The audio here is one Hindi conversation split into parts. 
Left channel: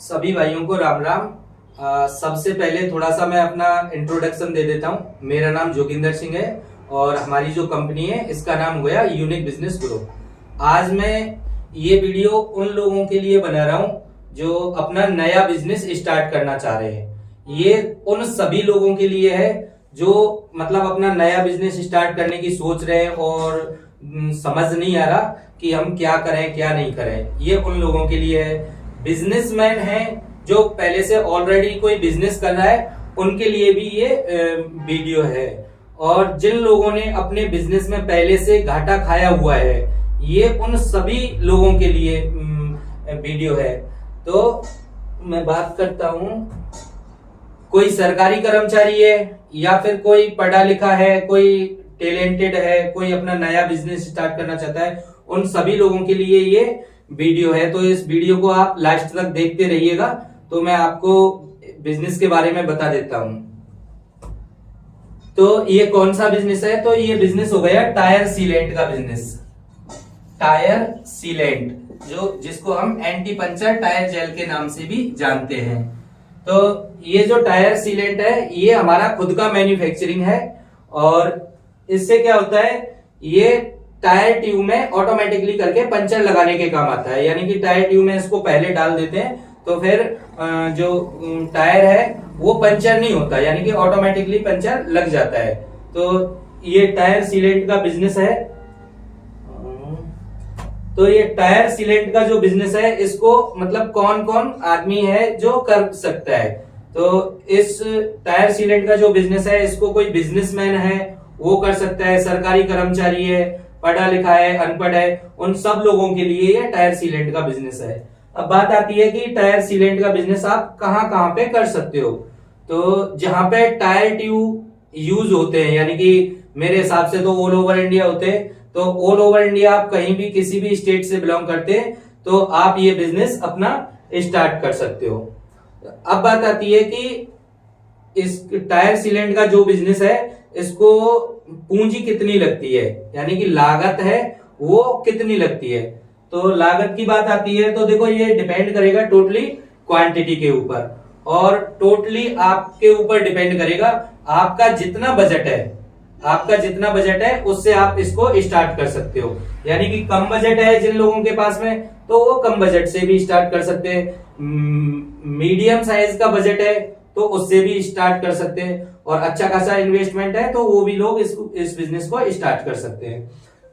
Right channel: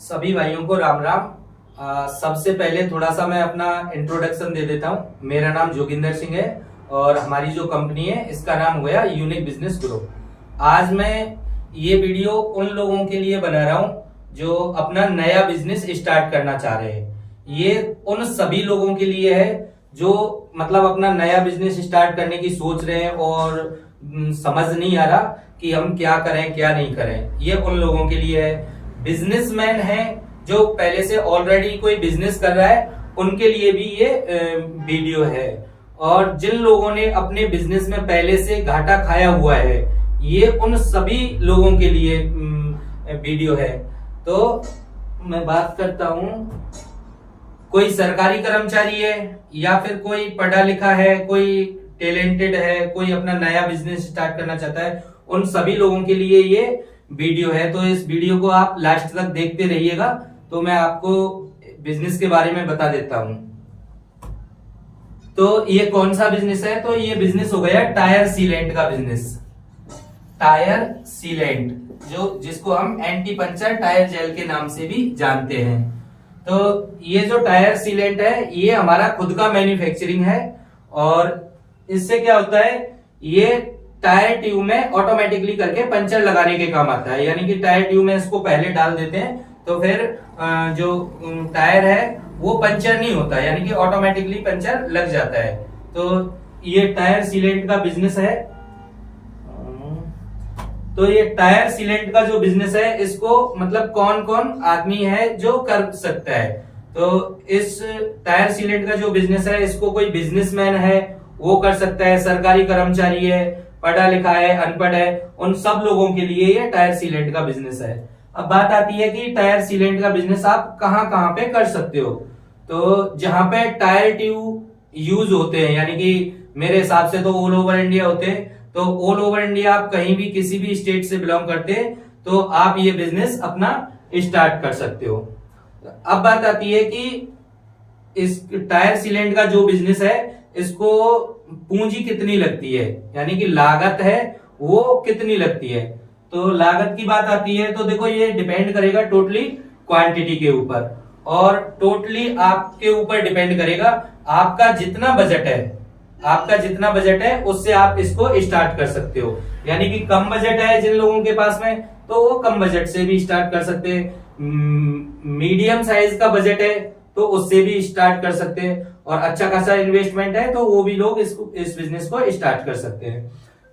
सभी भाइयों को राम राम। सबसे पहले थोड़ा सा मैं अपना इंट्रोडक्शन दे देता हूँ। मेरा नाम जोगिंदर सिंह है और हमारी जो कंपनी है इसका नाम हुआ यूनिक बिजनेस ग्रुप। आज मैं ये वीडियो उन लोगों के लिए बना रहा हूँ जो अपना नया बिजनेस स्टार्ट करना चाह रहे हैं। ये उन सभी लोगों के लिए है जो मतलब अपना नया बिजनेस स्टार्ट करने की सोच रहे हैं और समझ नहीं आ रहा कि हम क्या करें क्या नहीं करें। ये उन लोगों के लिए है। बिजनेसमैन है जो पहले से ऑलरेडी कोई बिजनेस कर रहा है, उनके लिए भी ये वीडियो है। और जिन लोगों ने अपने बिजनेस में पहले से घाटा खाया हुआ है, ये उन सभी लोगों के लिए वीडियो है। तो मैं बात करता हूँ, कोई सरकारी कर्मचारी है या फिर कोई पढ़ा लिखा है, कोई टैलेंटेड है, कोई अपना नया बिजनेस स्टार्ट करना चाहता है, उन सभी लोगों के लिए ये वीडियो है। तो इस वीडियो को आप लास्ट तक देखते रहिएगा, तो मैं आपको बिजनेस के बारे में बता देता हूं। तो ये कौन सा बिजनेस है? तो ये बिजनेस हो गया टायर सीलेंट का बिजनेस। टायर सीलेंट जिसको हम एंटी पंचर टायर जेल के नाम से भी जानते हैं। तो ये जो टायर सीलेंट है ये हमारा खुद का मैन्युफैक्चरिंग है। और इससे क्या होता है, ये टायर ट्यूब में ऑटोमेटिकली करके पंचर लगाने के काम आता है। यानी कि टायर ट्यूब में इसको पहले डाल देते हैं तो फिर जो टायर है वो पंचर नहीं होता, यानी कि ऑटोमेटिकली पंचर लग जाता है। तो ये टायर सीलेंट का बिजनेस है। तो ये टायर सीलेंट का जो बिजनेस है इसको मतलब कौन कौन आदमी है जो कर सकता है। तो इस टायर सीलेंट का जो बिजनेस है इसको कोई बिजनेसमैन है वो कर सकता है, सरकारी कर्मचारी है, पढ़ा लिखा है, अनपढ़ है, उन सब लोगों के लिए ये टायर सीलेंट का बिजनेस है। अब बात आती है कि टायर सीलेंट का बिजनेस आप कहां कहां पे कर सकते हो। तो जहां पे टायर ट्यूब यूज होते हैं, यानी कि मेरे हिसाब से तो ऑल ओवर इंडिया होते हैं, तो ऑल ओवर इंडिया आप कहीं भी किसी भी स्टेट से बिलोंग करते हैं तो आप ये बिजनेस अपना स्टार्ट कर सकते हो। अब बात आती है कि इस टायर सीलेंट का जो बिजनेस है इसको पूंजी कितनी लगती है, यानी कि लागत है वो कितनी लगती है। तो लागत की बात आती है तो देखो ये डिपेंड करेगा टोटली क्वांटिटी के ऊपर, और टोटली आपके ऊपर डिपेंड करेगा आपका जितना बजट है उससे आप इसको स्टार्ट कर सकते हो। यानी कि कम बजट है जिन लोगों के पास में तो वो कम बजट से भी स्टार्ट कर सकते हैं। मीडियम साइज का बजट है तो उससे भी स्टार्ट कर सकते हैं, और अच्छा खासा इन्वेस्टमेंट है तो वो भी लोग इस बिजनेस को स्टार्ट कर सकते हैं।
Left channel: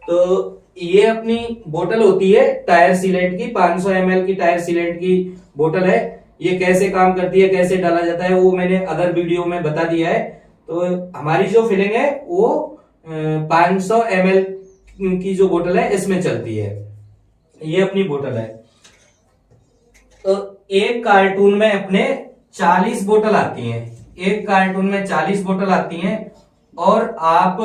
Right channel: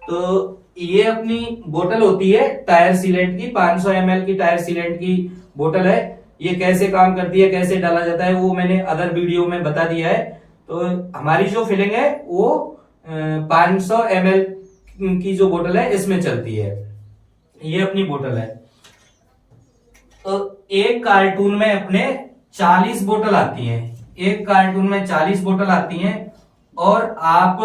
तो ये अपनी बोतल होती है टायर सीलेंट की, 500 ml की टायर सीलेंट की बोतल है। ये कैसे काम करती है, कैसे डाला जाता है, वो मैंने अदर वीडियो में बता दिया है। तो हमारी जो फिलिंग है वो 500 ml की जो बोतल है इसमें चलती है। ये अपनी बोतल है। तो एक कार्टून में अपने 40 बोतल आती हैं। एक कार्टून में 40 बोतल आती हैं, और आप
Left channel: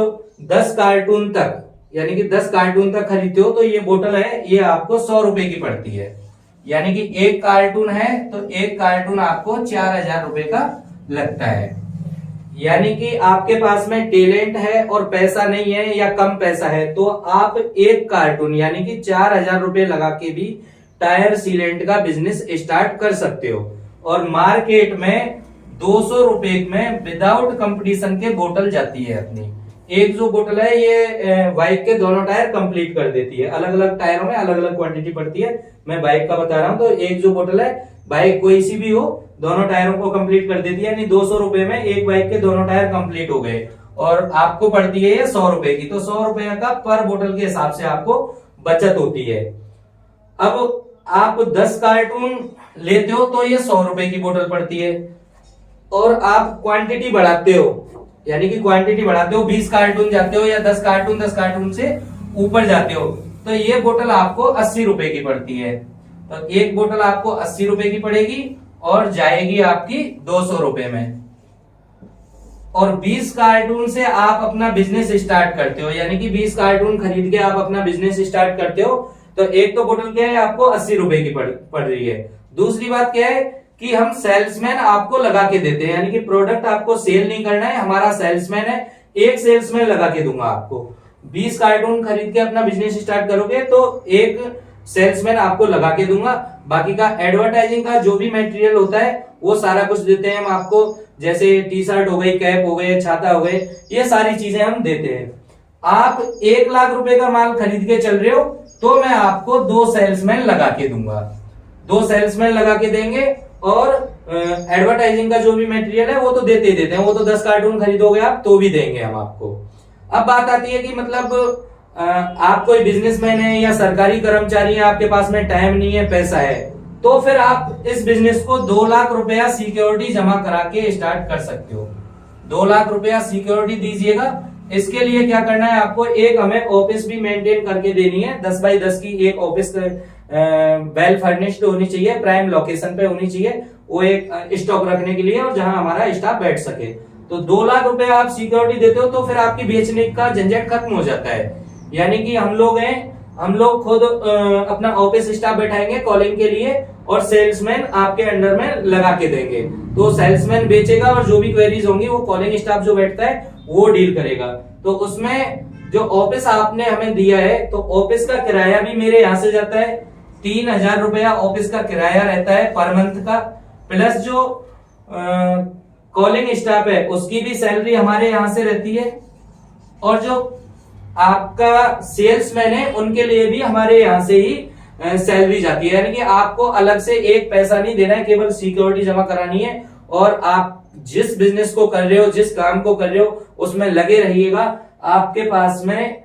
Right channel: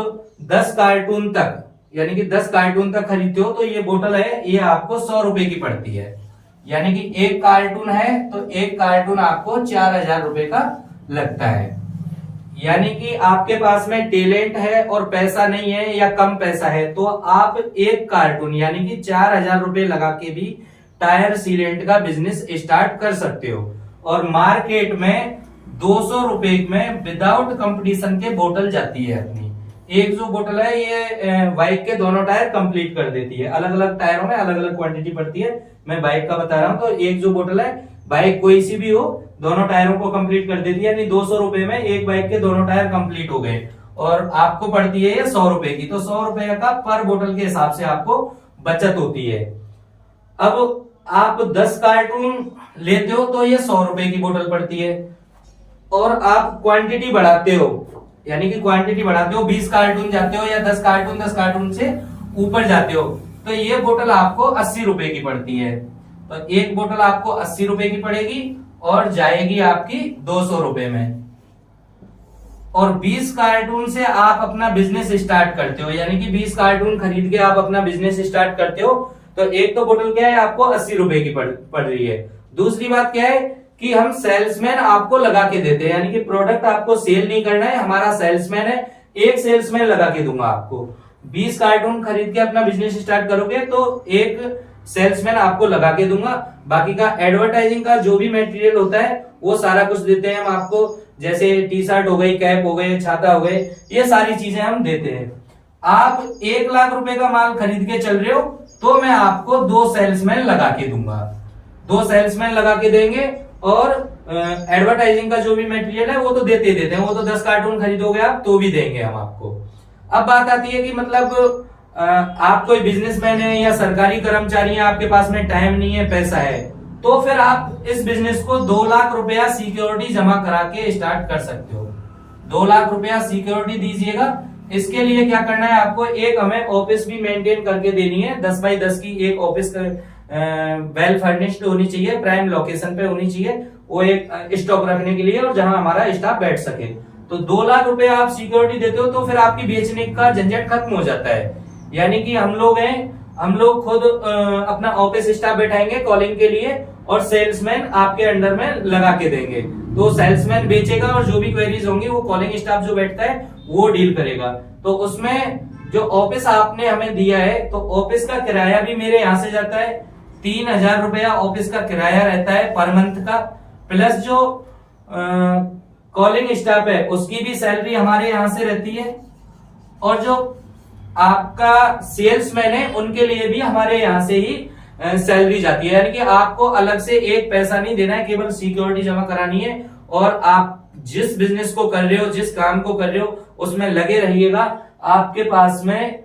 10 कार्टून तक, यानी कि 10 कार्टून तक खरीदते हो तो ये बोतल है ये आपको 100 रुपए की पड़ती है। यानी कि एक कार्टून है तो एक कार्टून आपको 4000 रुपए का लगता है। यानी कि आपके पास में टैलेंट है और पैसा नहीं है या कम पैसा है तो आप एक कार्टून यानी कि 4000 रुपए लगा के भी टायर सीलेंट का बिजनेस स्टार्ट कर सकते हो। और मार्केट में 200 रुपए में विदाउट कंपटीशन के बोतल जाती है अपनी। एक जो बोतल है ये बाइक के दोनों टायर कंप्लीट कर देती है। अलग अलग टायरों में अलग अलग क्वांटिटी पड़ती है, मैं बाइक का बता रहा हूं। तो एक जो बोतल है, बाइक कोई सी भी हो, दोनों टायरों को कंप्लीट कर देती है। यानी 200 रुपए में एक बाइक के दोनों टायर कंप्लीट हो गए, और आपको पड़ती है 100 रुपए की। तो 100 रुपए का पर बोतल के हिसाब से आपको बचत होती है। अब आप 10 कार्टून लेते हो तो ये 100 रुपए की बोतल पड़ती है, और आप क्वांटिटी बढ़ाते हो, यानी कि क्वांटिटी बढ़ाते हो, 20 कार्टून जाते हो या 10 कार्टून से ऊपर जाते हो तो ये बोतल आपको 80 रुपए की पड़ती है। तो एक बोतल आपको 80 रुपए की पड़ेगी और जाएगी आपकी 200 रुपए में। और 20 कार्टून से आप अपना बिजनेस स्टार्ट करते हो, यानी कि 20 कार्टून खरीद के आप अपना बिजनेस स्टार्ट करते हो। तो एक तो बोतल क्या है आपको 80 रुपए की पड़ रही है। दूसरी बात क्या है कि हम सेल्समैन आपको लगा के देते हैं, यानी कि प्रोडक्ट आपको सेल नहीं करना है, हमारा सेल्समैन है, एक सेल्समैन लगा के दूंगा आपको। 20 कार्टून खरीद के अपना बिजनेस स्टार्ट करोगे तो एक सेल्समैन आपको लगा के दूंगा। बाकी का एडवर्टाइजिंग का जो भी मटेरियल होता है वो सारा कुछ देते हैं हम आपको, जैसे टी शर्ट हो गई, कैप हो गए, छाता हो गए, ये सारी चीजें हम देते हैं। आप 1 लाख रुपए का माल खरीद के चल रहे हो तो मैं आपको 2 सेल्समैन लगा के दूंगा, 2 सेल्समैन लगा के देंगे। और एडवर्टाइजिंग का जो भी मटेरियल है वो तो देते ही देते हैं, वो तो 10 कार्टून खरीदोगे आप तो भी देंगे हम आपको। अब बात आती है कि मतलब आप कोई बिजनेसमैन है या सरकारी कर्मचारी है, आपके पास में टाइम नहीं है, पैसा है, तो फिर आप इस बिजनेस को 2 लाख रुपया सिक्योरिटी जमा करा के स्टार्ट कर सकते हो। 2 लाख रुपया सिक्योरिटी दीजिएगा। इसके लिए क्या करना है आपको, एक हमें ऑफिस भी मेंटेन करके देनी है, 10 बाई 10 की एक ऑफिस वेल फर्निश्ड होनी चाहिए, प्राइम लोकेशन पे होनी चाहिए, वो एक स्टॉक रखने के लिए और जहां हमारा स्टाफ बैठ सके। तो 2 लाख रुपया आप सिक्योरिटी देते हो तो फिर आपकी बेचने का झंझट खत्म हो जाता है। यानी कि हम लोग खुद अपना ऑफिस स्टाफ बैठाएंगे कॉलिंग के लिए और सेल्समैन आपके अंडर में लगा के देंगे। तो सेल्समैन बेचेगा और जो भी क्वेरीज होंगी वो कॉलिंग स्टाफ जो बैठता है वो डील करेगा। तो उसमें जो ऑफिस आपने हमें दिया है तो ऑफिस का किराया भी मेरे यहाँ से जाता है, 3000 रुपया ऑफिस का किराया रहता है पर मंथ का, प्लस जो कॉलिंग स्टाफ है उसकी भी सैलरी हमारे यहाँ से रहती है, और जो आपका सेल्समैन है उनके लिए भी हमारे यहाँ से ही सैलरी जाती है। यानी कि आपको अलग से एक पैसा नहीं देना है, केवल सिक्योरिटी जमा करानी है और आप जिस बिजनेस को कर रहे हो, जिस काम को कर रहे हो उसमें लगे रहिएगा, आपके पास में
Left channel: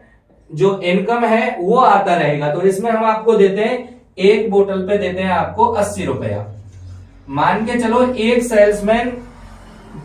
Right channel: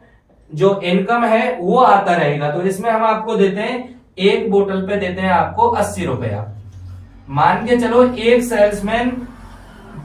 जो इनकम है वो आता रहेगा। तो इसमें हम आपको देते हैं, एक बोतल पे देते हैं आपको 80 रुपया। मान के चलो एक सेल्समैन